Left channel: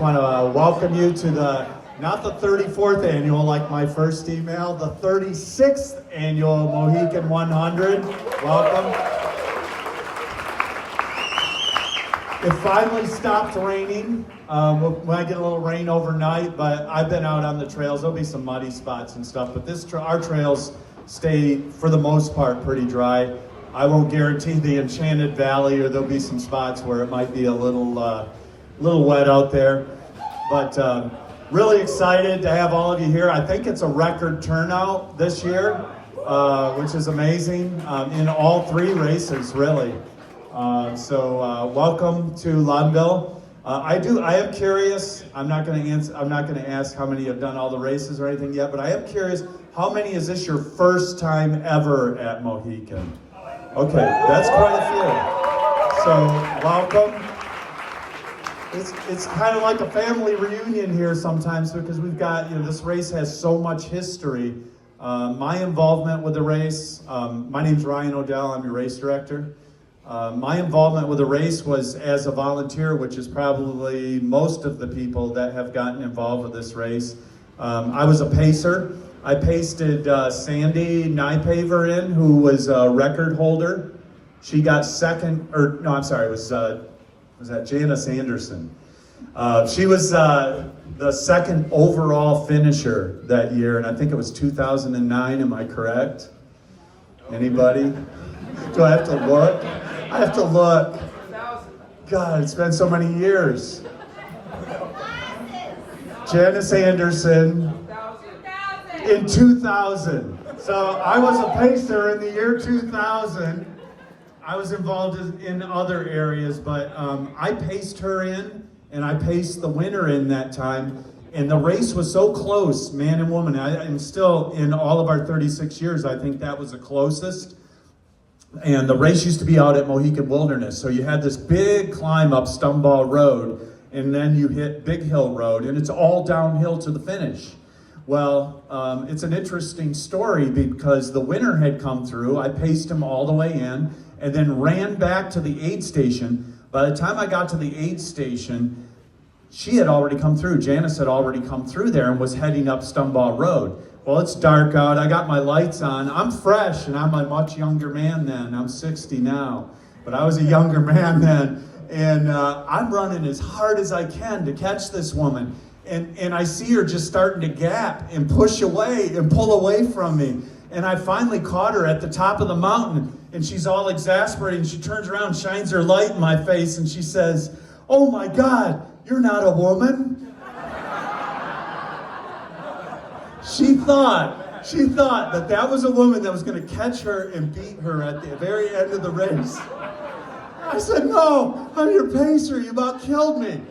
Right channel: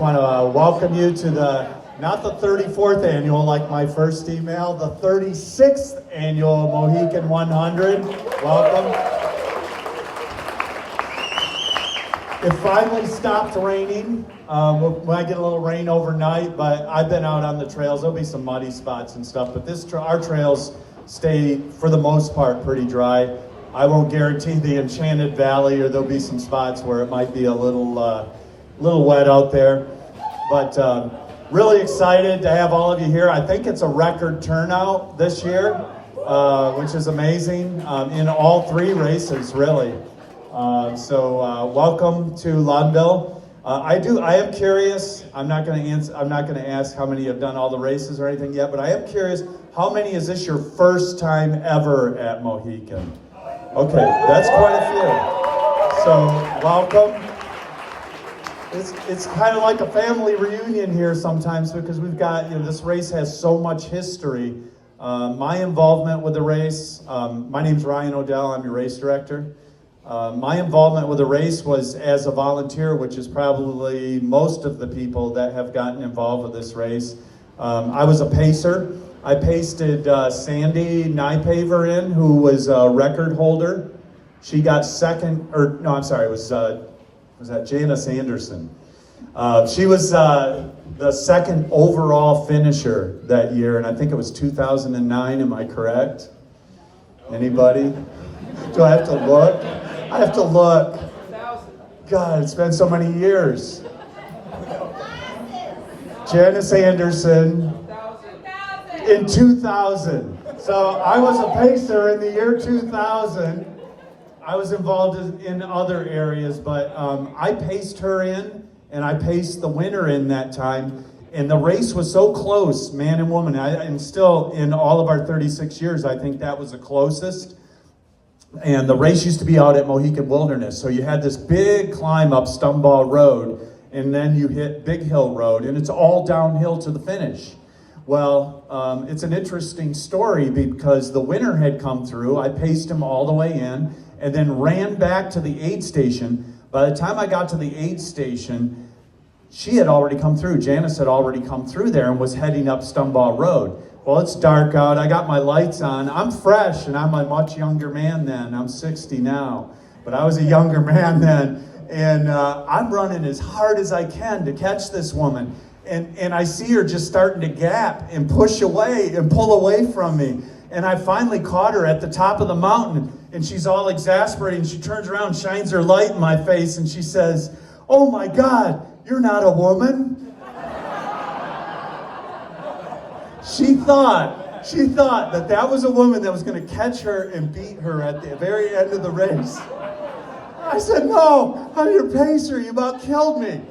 just want to welcome you to not the 34th annual like my first email, the 36th annual Mohican 100. Welcome. It finally stopped raining. We might get a little rain overnight, but I've been out on the trails. There'll be some muddy spots and stuff, but our trails stay, for the most part, pretty dry. I won't guarantee the Enchanted Valley, or there'll be some spots where it might be a little wet out there. But really excited to have all of you here. I think it's a record turnout this year, which is amazing in all three races, really. So welcome to Loudonville. I am curious. I'm not going to ask how many have done all the races or anything yet, but I am curious. How many is this your first time ever at Mohican? Okay, that's quite a few. So welcome. It's kind of like a family reunion here sometimes, because we've got, this race has so much history. My involvement with the race, my name's Ryan O'Dell, I'm your race director. My involvement with the race was as a volunteer, which is probably most of the people that have gotten involved with this race. I was a pacer. I pasted Sandy Nypaver who was a record holder. She got second, was that Janice Anderson? She was the second overall finisher that year, and I think it was 2009, am I correct? Anybody? Do I have to look? I have to look. God, it's been so many years. Janice Anderson in 2000. So I was a pacer in the year 2000. I was involved in other areas, but I paced her in, and I paced the winner in that time. And the race was so close, man and woman. And still, in all of our 36 years, I think that was the closest. And the race used to be out at Mohican Wilderness. So you had this big climb up Stumball Road, and then you hit Big Hill Road, and it's all downhill to the finish. Well, it's an interesting story because the winner had come through. I paced him all the way in and then ran back to the aid station. By the time I got to the aid station, she had already come through. Janice had already come through there and was heading up Stumball Road. Well, it's dark out. I got my lights on. I'm fresh, and I'm a much younger man then. I'm 60 now, but I was a younger man then. And I'm running as hard as I can to catch this woman. And I see her just starting to gap and push away and pull away from me. And I finally caught her at the top of the mountain, and she's all exasperated. She turns around, shines her light in my face, and she says, "Oh my God, you're not a woman." She thought that was a woman that was going to catch her and beat her at the very end of the race. I said, "No, I'm your pacer. You about killed me."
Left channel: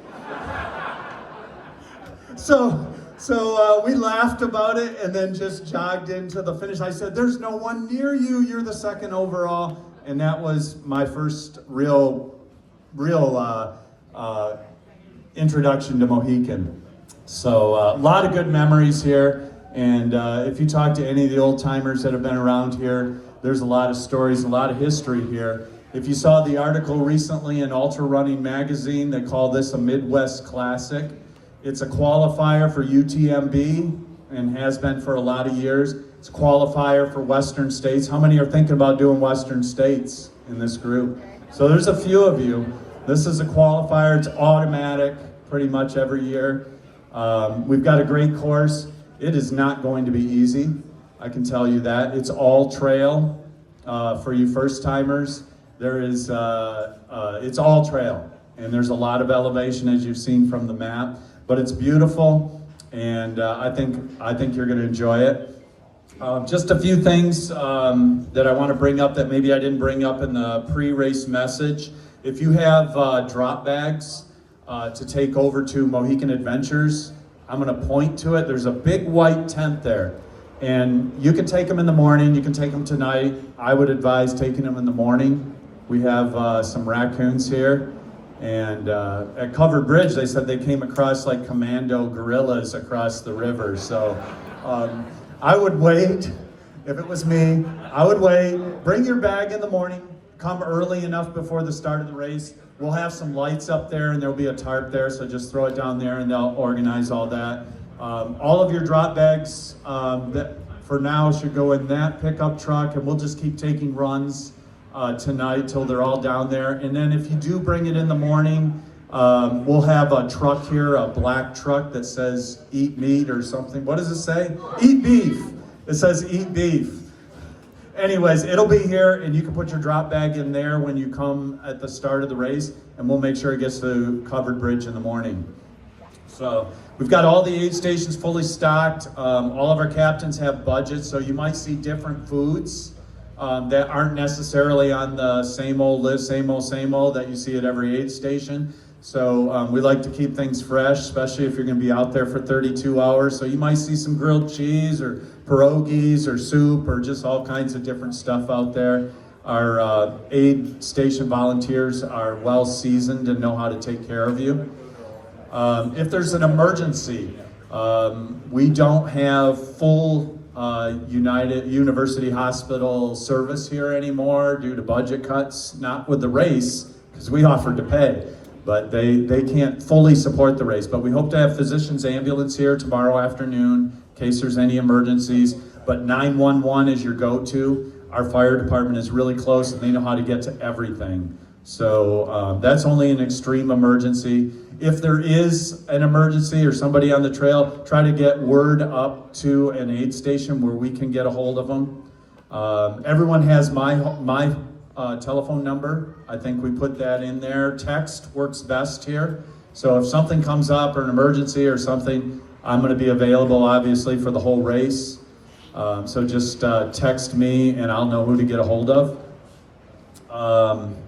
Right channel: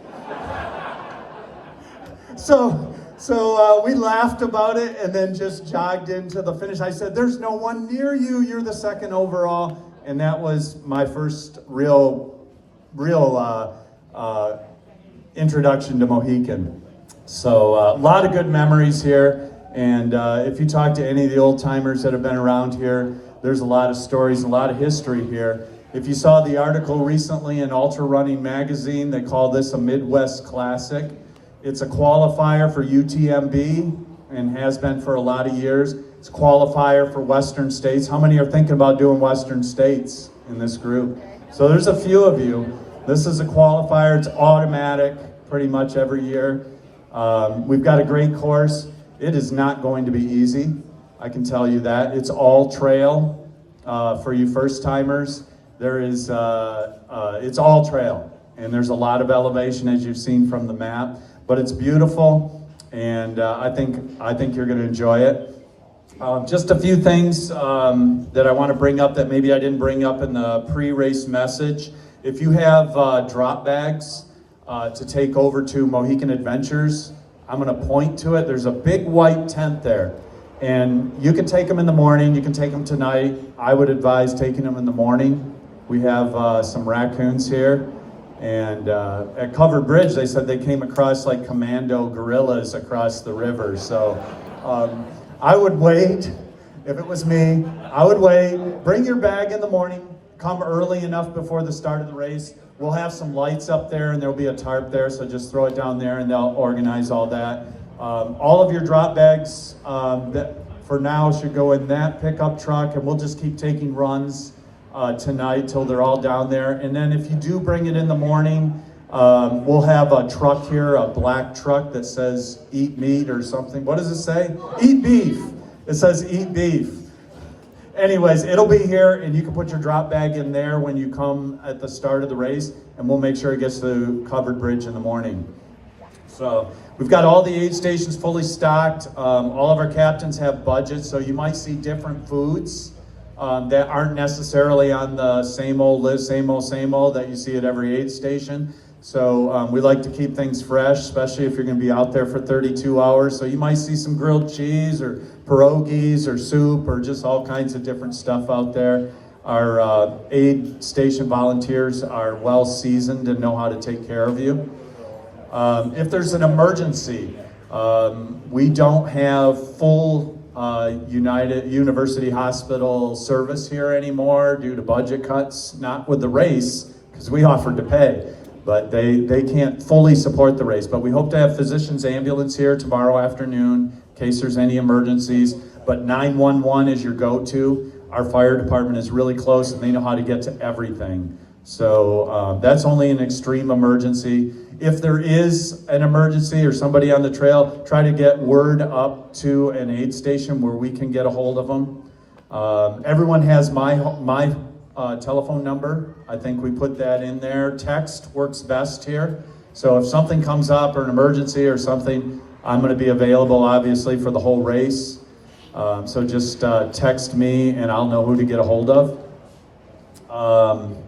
So we laughed about it and then just jogged into the finish. I said, "There's no one near you. You're the second overall." And that was my first real introduction to Mohican. So a lot of good memories here. And if you talk to any of the old timers that have been around here, there's a lot of stories, a lot of history here. If you saw the article recently in Ultra Running Magazine, they call this a Midwest Classic. It's a qualifier for UTMB and has been for a lot of years. It's a qualifier for Western States. How many are thinking about doing Western States in this group? So there's a few of you. This is a qualifier. It's automatic pretty much every year. We've got a great course. It is not going to be easy. I can tell you that. It's all trail for you first timers. It's all trail, and there's a lot of elevation as you've seen from the map. But it's beautiful, and I think you're going to enjoy it. Just a few things that I want to bring up that maybe I didn't bring up in the pre-race message. If you have drop bags to take over to Mohican Adventures, I'm going to point to it. There's a big white tent there, and you can take them in the morning. You can take them tonight. I would advise taking them in the morning. We have some raccoons here. And at Covered Bridge, they said they came across like commando gorillas across the river. So I would wait. If it was me, I would wait. Bring your bag in the morning. Come early enough before the start of the race. We'll have some lights up there, and there'll be a tarp there, so just throw it down there, and they'll organize all that. All of your drop bags that for now should go in that pickup truck, and we'll just keep taking runs tonight till they're all down there. And then if you do bring it in the morning, we'll have a truck here, a black truck that says eat meat or something. What does it say? Eat beef. It says eat beef. Anyways, it'll be here, and you can put your drop bag in there when you come at the start of the race, and we'll make sure it gets to Covered Bridge in the morning. So we've got all the aid stations fully stocked. All of our captains have budgets, so you might see different foods that aren't necessarily on the same old list, same old that you see at every aid station. So we like to keep things fresh, especially if you're going to be out there for 32 hours. So you might see some grilled cheese or pierogies or soup or just all kinds of different stuff out there. Our aid station volunteers are well seasoned and know how to take care of you. If there's an emergency, we don't have full United University Hospital service here anymore due to budget cuts, not with the race, because we offered to pay. But they can't fully support the race. But we hope to have physicians' ambulance here tomorrow afternoon in case there's any emergencies. But 911 is your go-to. Our fire department is really close, and they know how to get to everything. So that's only an extreme emergency. If there is an emergency or somebody on the trail, try to get word up to an aid station where we can get a hold of them. Everyone has my telephone number. I think we put that in there. Text works best here. So if something comes up or an emergency or something, I'm going to be available, obviously, for the whole race. So just text me, and I'll know who to get a hold of. I'm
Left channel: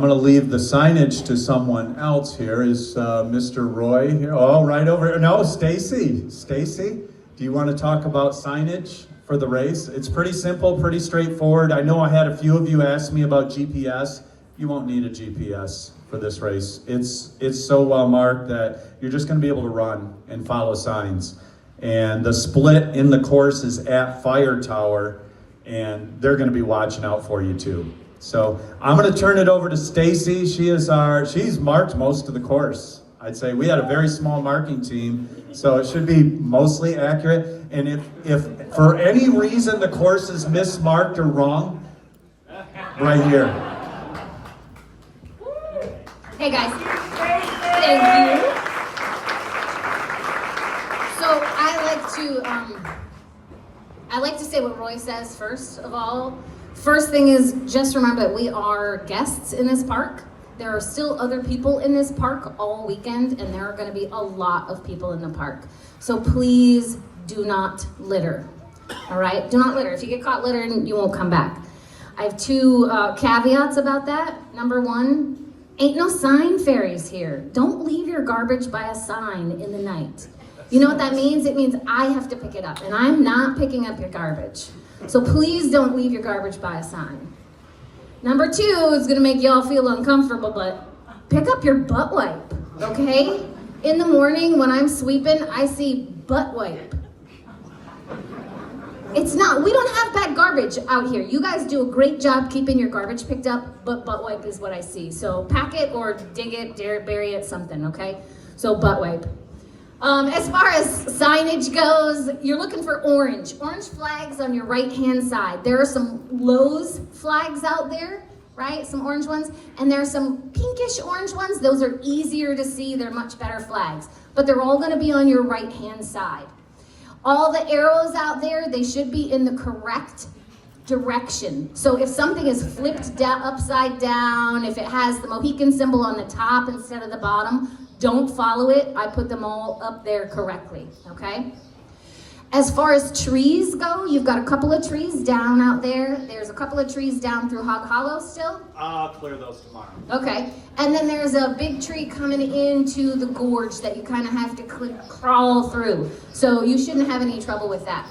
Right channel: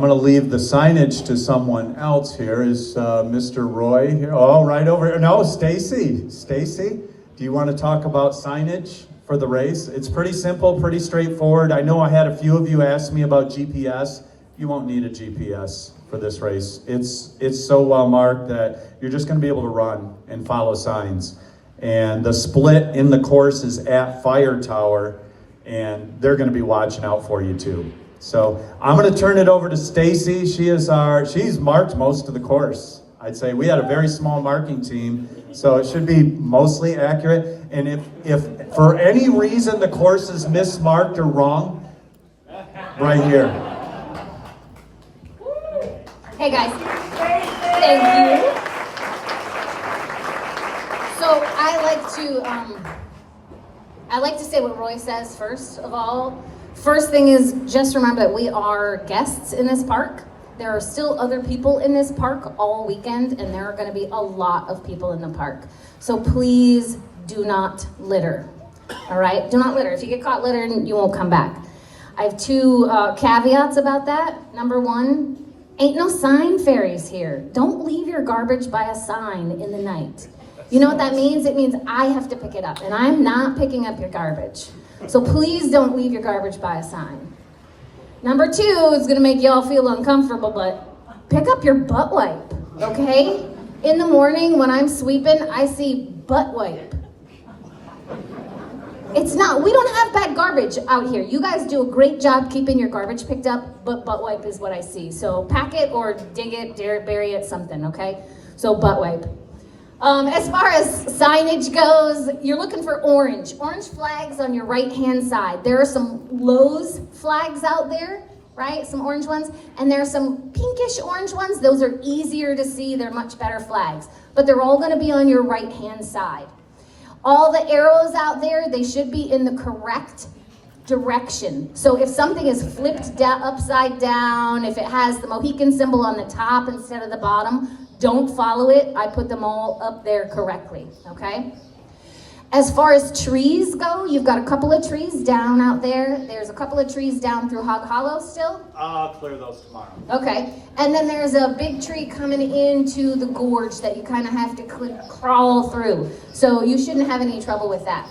going to leave the signage to someone else here. Is Mr. Roy here? Oh, right over here. No, Stacy. Stacy, do you want to talk about signage for the race? It's pretty simple, pretty straightforward. I know I had a few of you ask me about GPS. You won't need a GPS for this race. It's so well marked that you're just going to be able to run and follow signs. And the split in the course is at Fire Tower, and they're going to be watching out for you too. So I'm going to turn it over to Stacy. She's marked most of the course. I'd say we had a very small marking team, so it should be mostly accurate. And if for any reason the course is mismarked or wrong, right here. Hey guys, thank you. So I like to say what Roy says first of all. First thing is just remember that we are guests in this park. There are still other people in this park all weekend, and there are going to be a lot of people in the park. So please do not litter. All right? Do not litter. If you get caught littering, you won't come back. I have two caveats about that. Number one, ain't no sign fairies here. Don't leave your garbage by a sign in the night. You know what that means? It means I have to pick it up, and I'm not picking up your garbage. So please don't leave your garbage by a sign. Number two is gonna make y'all feel uncomfortable, but pick up your butt wipe, okay? In the morning when I'm sweeping, I see butt wipe. We don't have bad garbage out here. You guys do a great job keeping your garbage picked up, but butt wipe is what I see. So pack it or dig it, bury it, something, okay? So butt wipe. As far as signage goes, you're looking for orange flags on your right-hand side. There are some Lowe's flags out there, right? Some orange ones. And there are some pinkish orange ones. Those are easier to see. They're much better flags. But they're all going to be on your right-hand side. All the arrows out there, they should be in the correct direction. So if something is flipped upside down, if it has the Mohican symbol on the top instead of the bottom, don't follow it. I put them all up there correctly, okay? As far as trees go, you've got a couple of trees down out there. There's a couple of trees down through Hog Hollow still. I'll clear those tomorrow. Okay, and then there's a big tree coming into the gorge that you kind of have to crawl through. So you shouldn't have any trouble with that.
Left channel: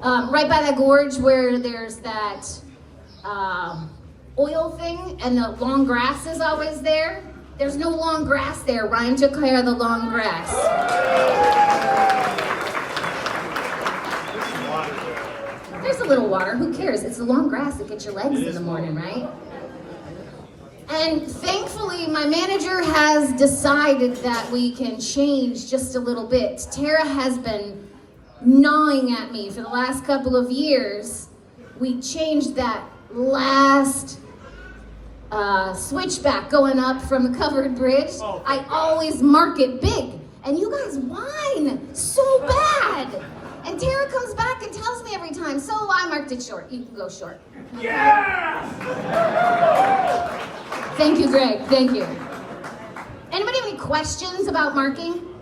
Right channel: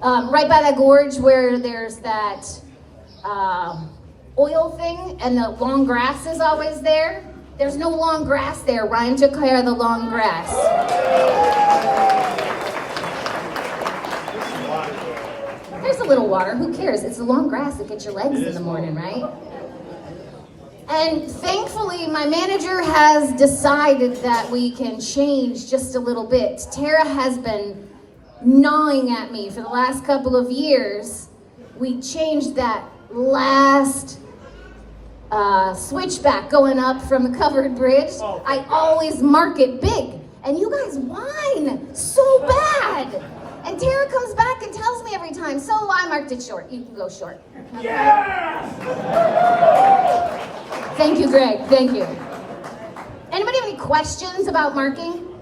Right by that gorge where there's that oil thing and the long grass is always there. There's no long grass there. Ryan took care of the long grass. There's a little water. Who cares? It's the long grass that gets your legs in the morning, right? And thankfully, my manager has decided that we can change just a little bit. Tara has been gnawing at me for the last couple of years. We changed that last switchback going up from the covered bridge. I always mark it big. And you guys whine so bad. And Tara comes back and tells me every time, so I marked it short. You can go short. Yes! Thank you, Greg. Thank you. Anybody have any questions about marking?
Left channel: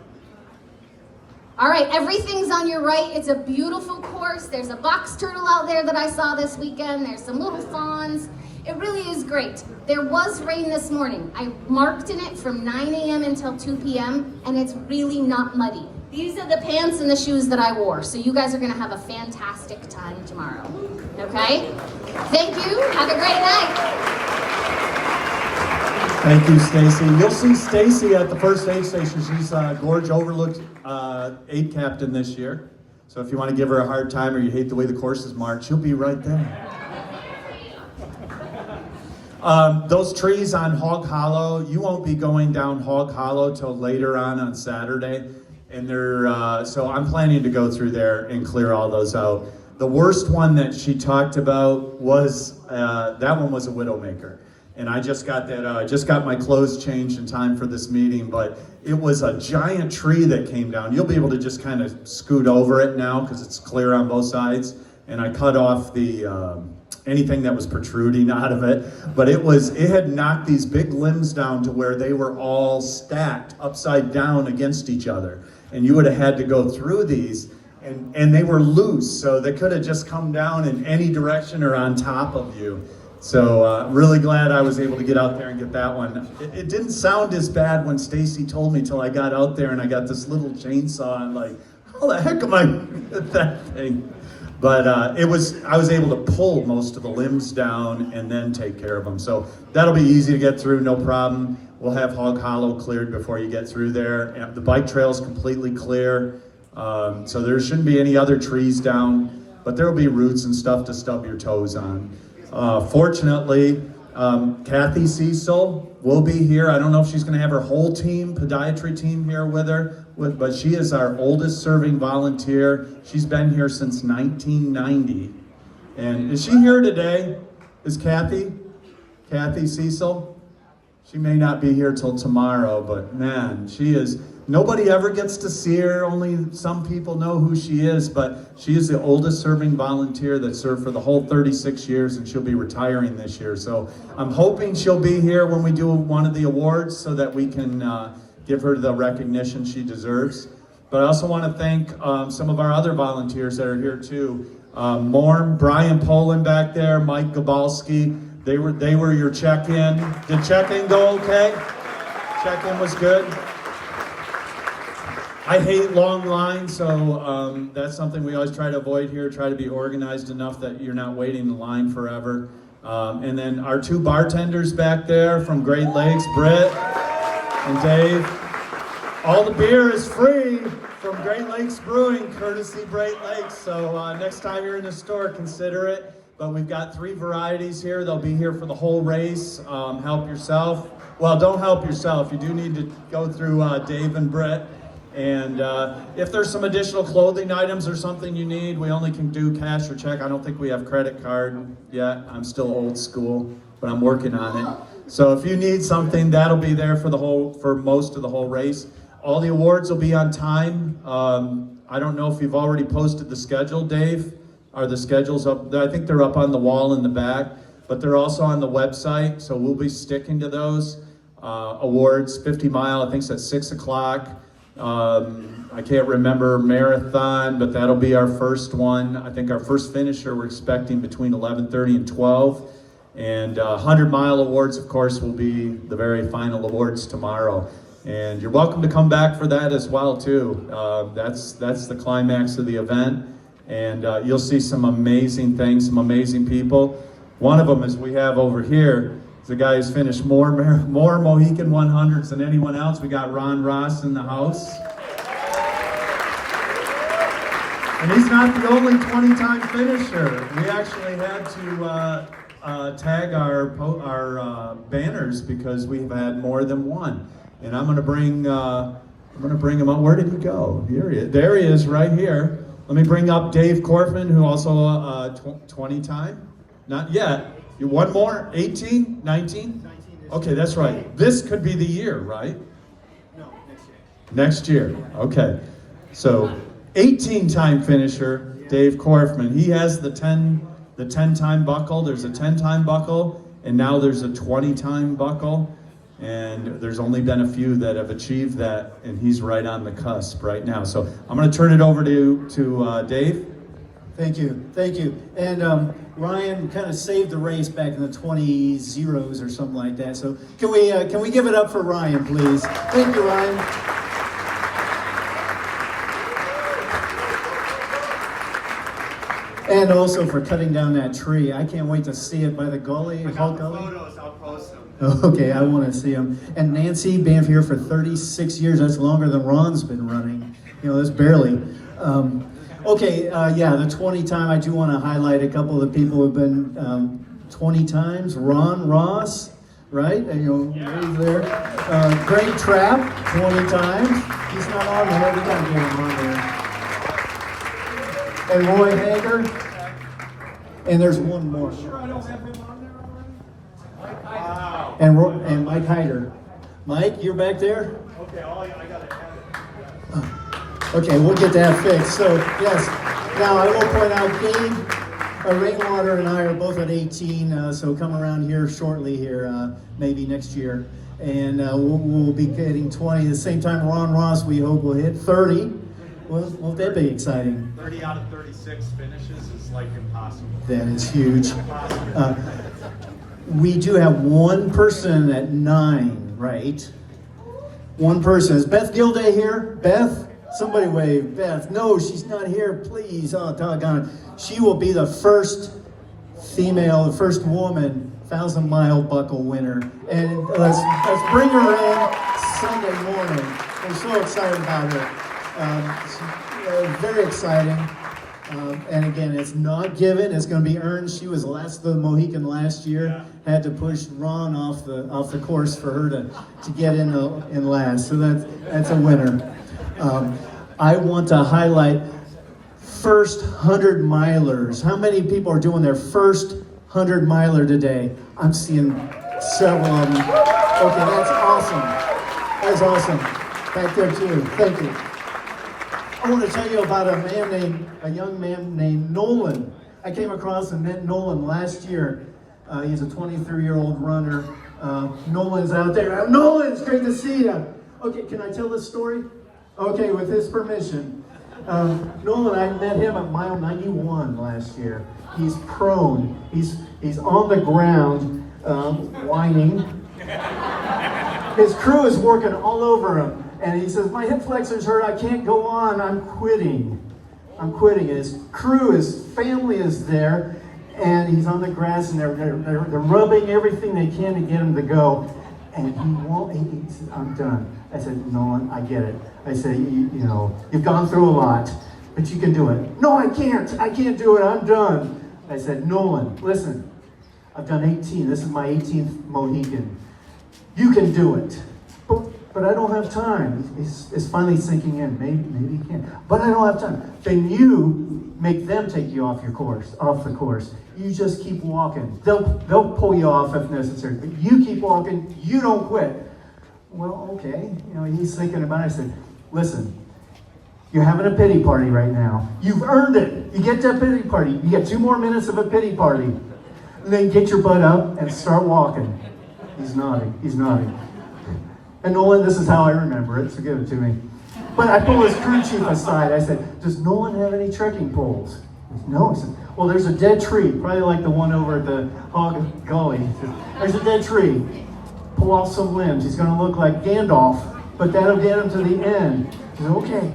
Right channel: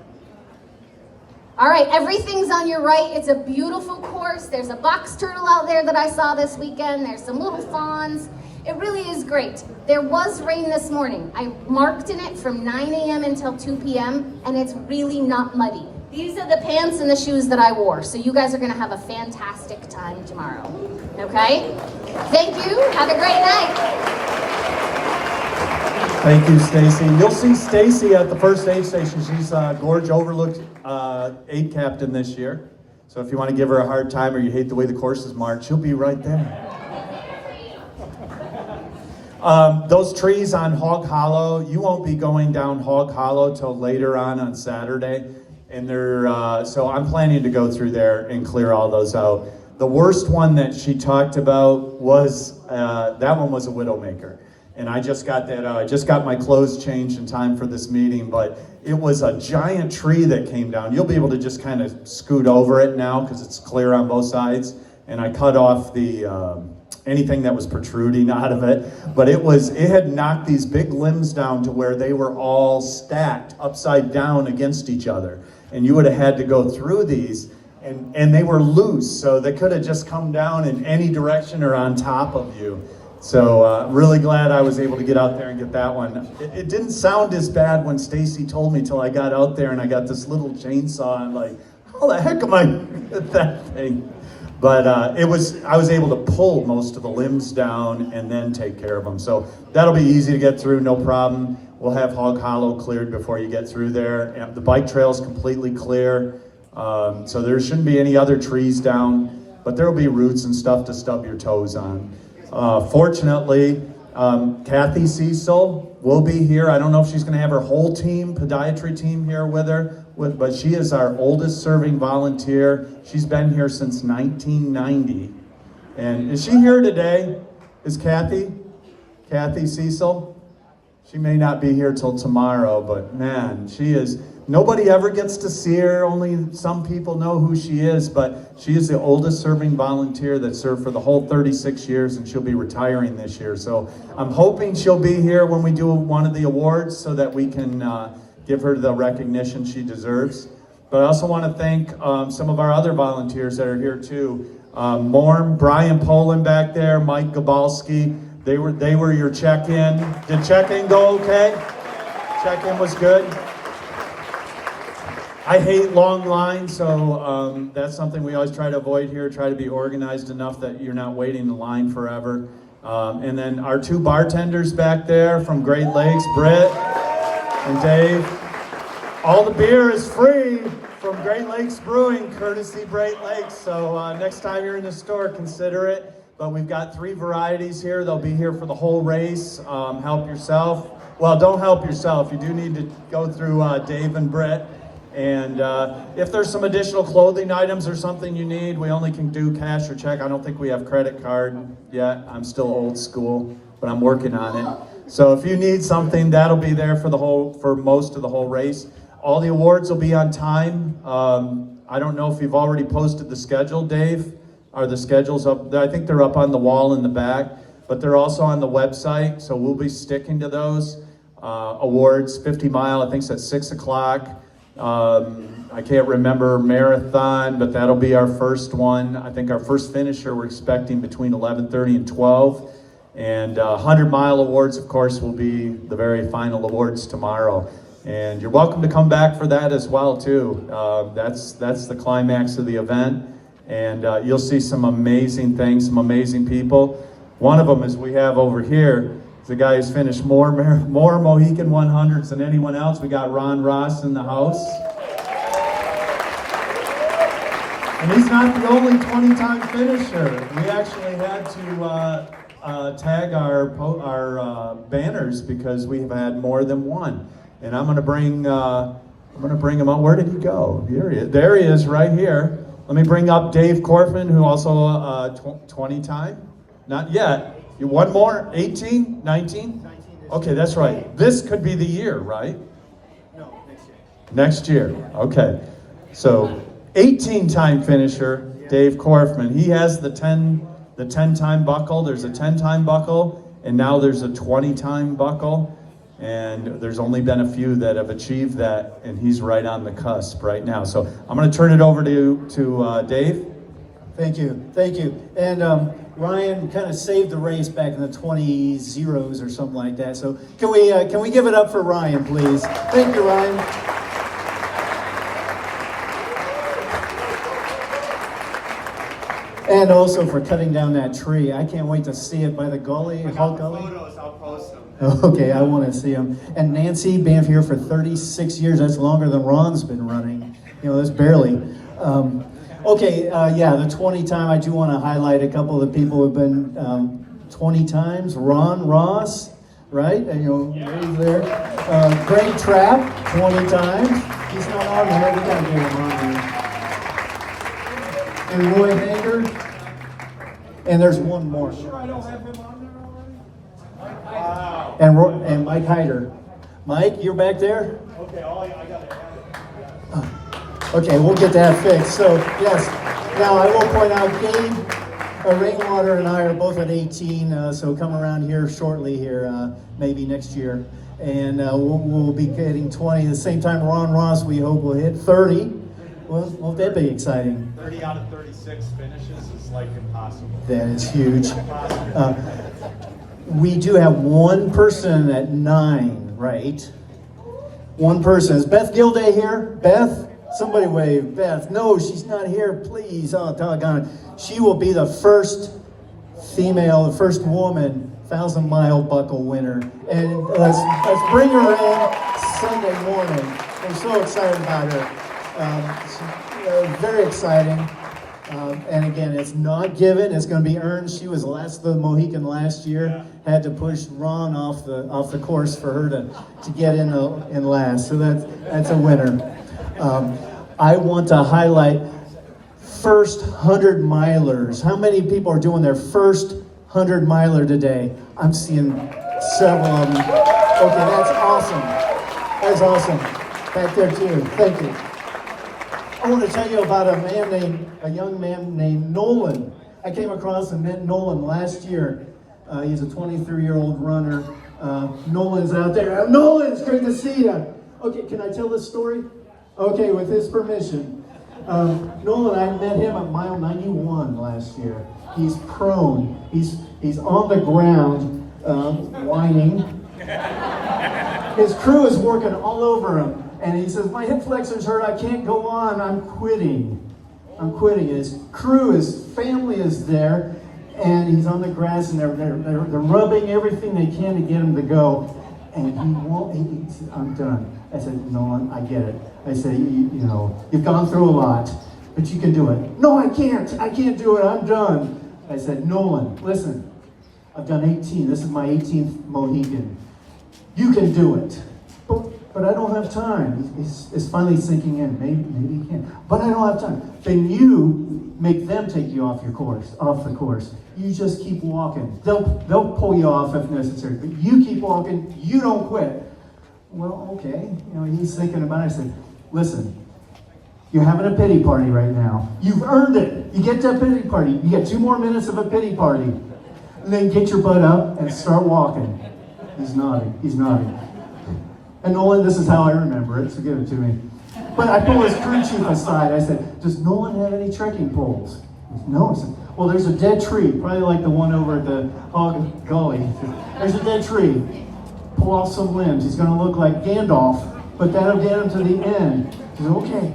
All right, everything's on your right. It's a beautiful course. There's a box turtle out there that I saw this weekend. There's some little fawns. It really is great. There was rain this morning. I marked in it from 9 a.m. until 2 p.m., and it's really not muddy. These are the pants and the shoes that I wore, so you guys are gonna have a fantastic time tomorrow, okay? Thank you, have a great night. Thank you, Stacy. You'll see Stacy at the first aid station. She's Gorge Overlooked aid captain this year. So if you want to give her a hard time or you hate the way the course is marked, she'll be right there. Those trees on Hog Hollow, you won't be going down Hog Hollow till later on Saturday. And so I'm planning to go through there and clear all those out. The worst one that she talked about was, that one was a Widowmaker. And I just got that, I just got my clothes changed in time for this meeting, but it was a giant tree that came down. You'll be able to just kind of scoot over it now because it's clear on both sides. And I cut off the, anything that was protruding out of it. But it had knocked these big limbs down to where they were all stacked upside down against each other. And you would have had to go through these, and they were loose, so they could have just come down in any direction or on top of you. So really glad I was able to get out there and get that one. It didn't sound as bad when Stacy told me till I got out there and I got this little chainsaw and like, how the heck am I at that thing? But I was able to pull most of the limbs down and then take care of them. So that'll be easy to get through, no problem. We'll have Hog Hollow cleared before you get through there. And the bike trail's completely clear. So there shouldn't be any other trees down, but there'll be roots and stuff to stub your toes on. Fortunately, Kathy Cecil will be here. I don't know if she's going to have her whole team, podiatry team here with her, but she is our oldest serving volunteer. She's been here since 1990. And is she here today? Is Kathy Cecil? She may not be here till tomorrow, but man, she is. Nobody ever gets to see her. Only some people know who she is, but she is the oldest serving volunteer that served for the whole 36 years, and she'll be retiring this year. So I'm hoping she'll be here when we do one of the awards so that we can give her the recognition she deserves. But I also want to thank some of our other volunteers that are here too. Brian Poland back there, Mike Gabalski. They were your check-in. Did check-in go okay? Check-in was good. I hate long lines, so that's something we always try to avoid here. Try to be organized enough that you're not waiting in line forever. And then our two bartenders back there from Great Lakes, Britt and Dave. All the beer is free from Great Lakes Brewing, courtesy Great Lakes. So next time you're in the store, consider it. But we've got 3 varieties here. They'll be here for the whole race. Help yourself. Well, don't help yourself. You do need to go through Dave and Britt. And if there's some additional clothing items or something you need, we only can do cash or check. I don't think we have credit card yet. I'm still old school, but I'm working on it. So if you need something, that'll be there for most of the whole race. All the awards will be on time. I don't know if you've already posted the schedule, Dave. Are the schedules up? I think they're up on the wall in the back, but they're also on the website, so we'll be sticking to those. Awards, 50 mile, I think it's at 6 o'clock. I can't remember marathon, but that'll be our first one. I think our first finisher we're expecting between 11:30 and 12. And 100-mile awards, of course, will be the very final awards tomorrow. And you're welcome to come back for that as well, too. That's the climax of the event. And you'll see some amazing things, some amazing people. One of them is we have over here. The guy who's finished more Mohican 100s than anyone else. We got Ron Ross in the house. And he's not the only 20-time finisher. We actually had to tag our banners because we've had more than one, and I'm gonna bring him up. Where did he go? Here he is. There he is, right here. Let me bring up Dave Corfman, who also 20 time. Not yet. You one more? 18? 19? Okay, that's right. This could be the year, right? No, next year. Next year. Okay. So 18 time finisher, Dave Corfman. He has the 10 time buckle. There's a 10 time buckle, and now there's a 20 time buckle. And there's only been a few that have achieved that, and he's right on the cusp right now. So I'm going to turn it over to Dave. Thank you. And Ryan kind of saved the race back in the 20 zeros or something like that. So can we give it up for Ryan, please? Thank you, Ryan. And also for cutting down that tree. I can't wait to see it by the gully. How gully? Okay, I want to see him. And Nancy, being here for 36 years, that's longer than Ron's been running. That's barely. The 20 time, I do want to highlight a couple of the people who've been 20 times. Ron Ross, right? Right there. Greg Trapp, 20 times. He's not on there. We got to get him on there. And Roy Hager. And there's one more. Sure, I don't have him on there already? And Mike Hyder. Mike, you're back there? Okay, I got it. Okay, we'll get that fixed. So, yes. Now, I will point out, Gabe Rainwater and I are both at 18, so come around here shortly here, maybe next year. And we'll be getting 20. At the same time, Ron Ross, we hope will hit 30. Well, won't that be exciting? 30 out of 36 finishes is like impossible. That is huge. We do have one person at 9, right? One person. Is Beth Gilday here? Beth? Somebody wave. Beth. No, she's not here. Please. Oh, doggone it. She will be the first female, the first woman 1,000-mile buckle winner. And let's bring her in Sunday morning. We're so excited about her. Very exciting. And again, it's not given; it's going to be earned. She was the Mohican last year. Had to push Ron off the course for her to get in last. So that's a winner. I want to highlight first 100-milers. How many people are doing their first 100-miler today? I'm seeing several of them. Okay, that's awesome. That's awesome. Back there too. Thank you. I want to tell you about a young man named Nolan. I came across and met Nolan last year. He's a 23-year-old runner. Nolan's out there. Nolan, it's great to see you. Okay, can I tell this story? Okay, with his permission. Nolan, I met him at mile 91 last year. He's prone. He's on the ground, whining. His crew is working all over him. And he says, my hip flexors hurt, I can't go on, I'm quitting. His crew, his family is there, and he's on the grass, and they're rubbing everything they can to get him to go. And he won't, he said, I'm done. I said, Nolan, I get it. I said, you've gone through a lot, but you can do it. No, I can't do it, I'm done. I said, Nolan, listen, I've done 18, this is my 18th Mohican. You can do it. But I don't have time. It's finally sinking in. Maybe he can. But I don't have time. Then you make them take you off the course. You just keep walking. They'll pull you off if necessary. But you keep walking. You don't quit. Well, okay. He's thinking about it. I said, listen, you're having a pity party right now. You've earned it. You get that pity party. You get 2 more minutes of a pity party. And then get your butt up and start walking. He's nodding. And Nolan, this is how I remember it, so give it to me. But I pulled his crew chief aside. I said, does Nolan have any trekking poles? He said, no. I said, well, there's a dead tree, probably like the one over at the Hog Gully. He said, there's a dead tree. Pull off some limbs. He's going to look like Gandalf, but that'll get him to the end. He said, okay.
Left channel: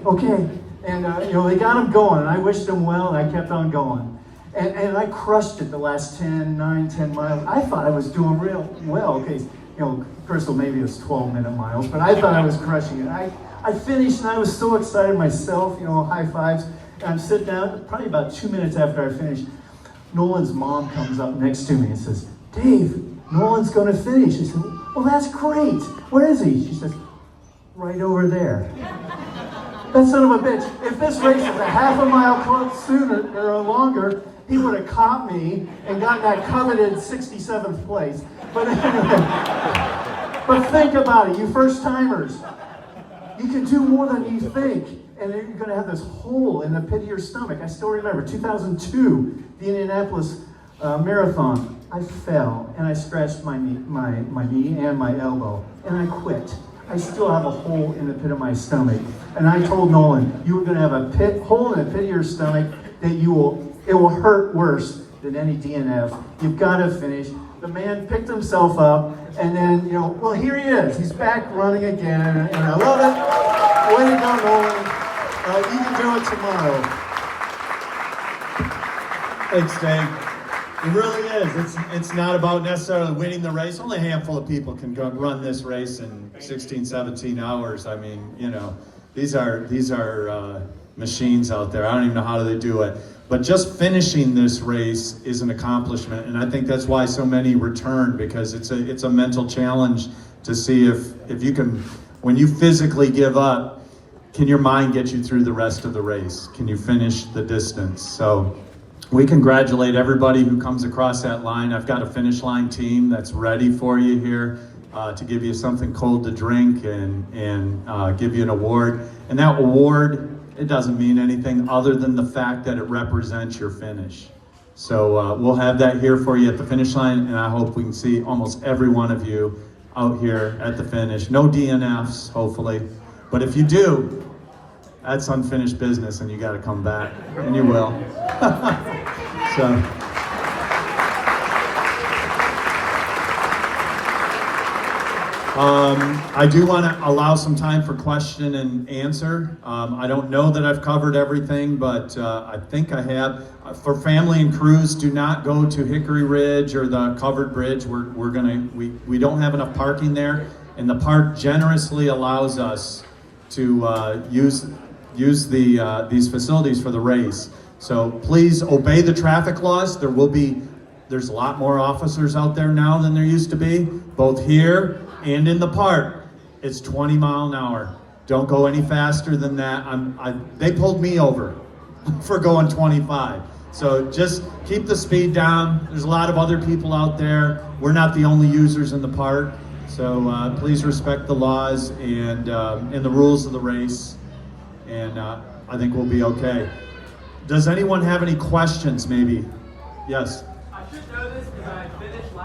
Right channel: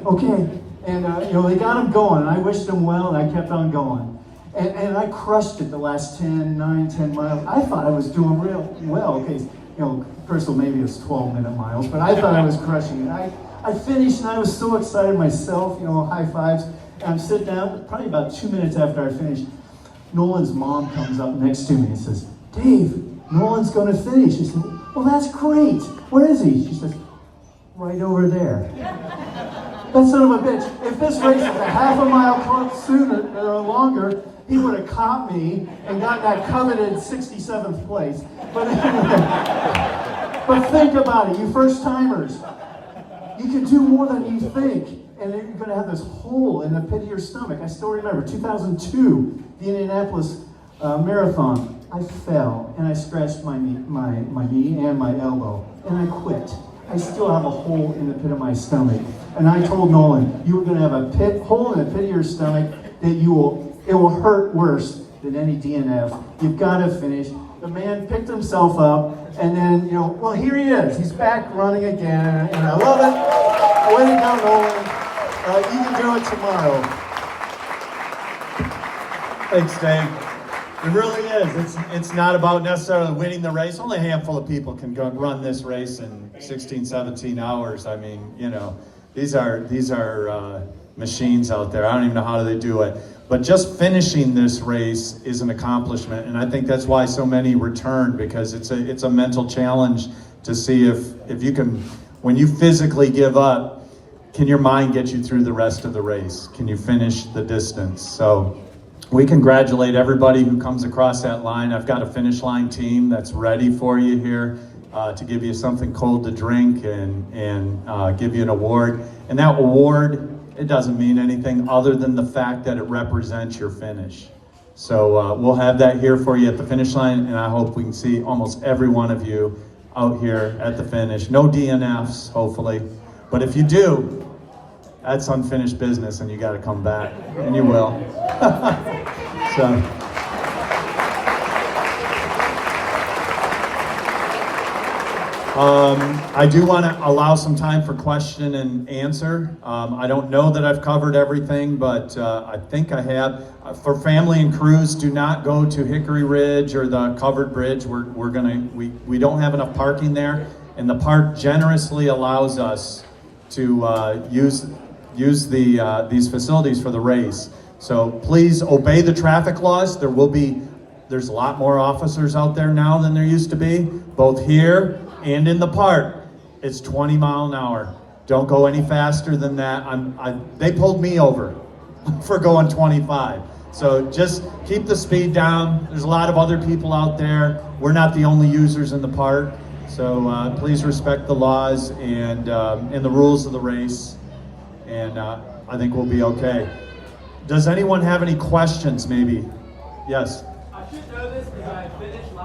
And, they got him going, and I wished him well, and I kept on going. And I crushed it the last 10 miles. I thought I was doing real well. Okay, Crystal, maybe it's 12-minute miles, but I thought I was crushing it. I finished, and I was so excited myself, high fives. And I'm sitting down, probably about 2 minutes after I finished. Nolan's mom comes up next to me and says, Dave, Nolan's going to finish. I said, well, that's great. Where is he? She says, right over there. That son of a bitch, if this race was a half a mile sooner or longer, he would have caught me and gotten that coveted 67th place. But anyway, but think about it, you first timers. You can do more than you think, and you're going to have this hole in the pit of your stomach. I still remember 2002, the Indianapolis Marathon. I fell and I scratched my knee and my elbow, and I quit. I still have a hole in the pit of my stomach. And I told Nolan, you're going to have a hole in the pit of your stomach that it will hurt worse than any DNF. You've got to finish. The man picked himself up, and then, well, here he is. He's back running again, and I love it. Way to go, Nolan. You can do it tomorrow. Thanks, Dave. It really is. It's not about necessarily winning the race. Only a handful of people can go run this race in 16, 17 hours. I mean, these are machines out there. I don't even know how they do it. But just finishing this race is an accomplishment, and I think that's why so many return, because it's a mental challenge to see if you can, when you physically give up, can your mind get you through the rest of the race? Can you finish the distance? So we congratulate everybody who comes across that line. I've got a finish line team that's ready for you here to give you something cold to drink and give you an award. And that award, it doesn't mean anything other than the fact that it represents your finish. So we'll have that here for you at the finish line, and I hope we can see almost every one of you out here at the finish. No DNFs, hopefully. But if you do, that's unfinished business, and you got to come back, and you will. So. I do want to allow some time for question and answer. I don't know that I've covered everything, but I think I have. For family and crews, do not go to Hickory Ridge or the covered bridge. We don't have enough parking there, and the park generously allows us to use these facilities for the race. So please obey the traffic laws. There's a lot more officers out there now than there used to be, both here and in the park. It's 20 miles an hour. Don't go any faster than that. They pulled me over for going 25. So just keep the speed down. There's a lot of other people out there. We're not the only users in the park. So please respect the laws and the rules of the race. And I think we'll be okay. Does anyone have any questions maybe? Yes.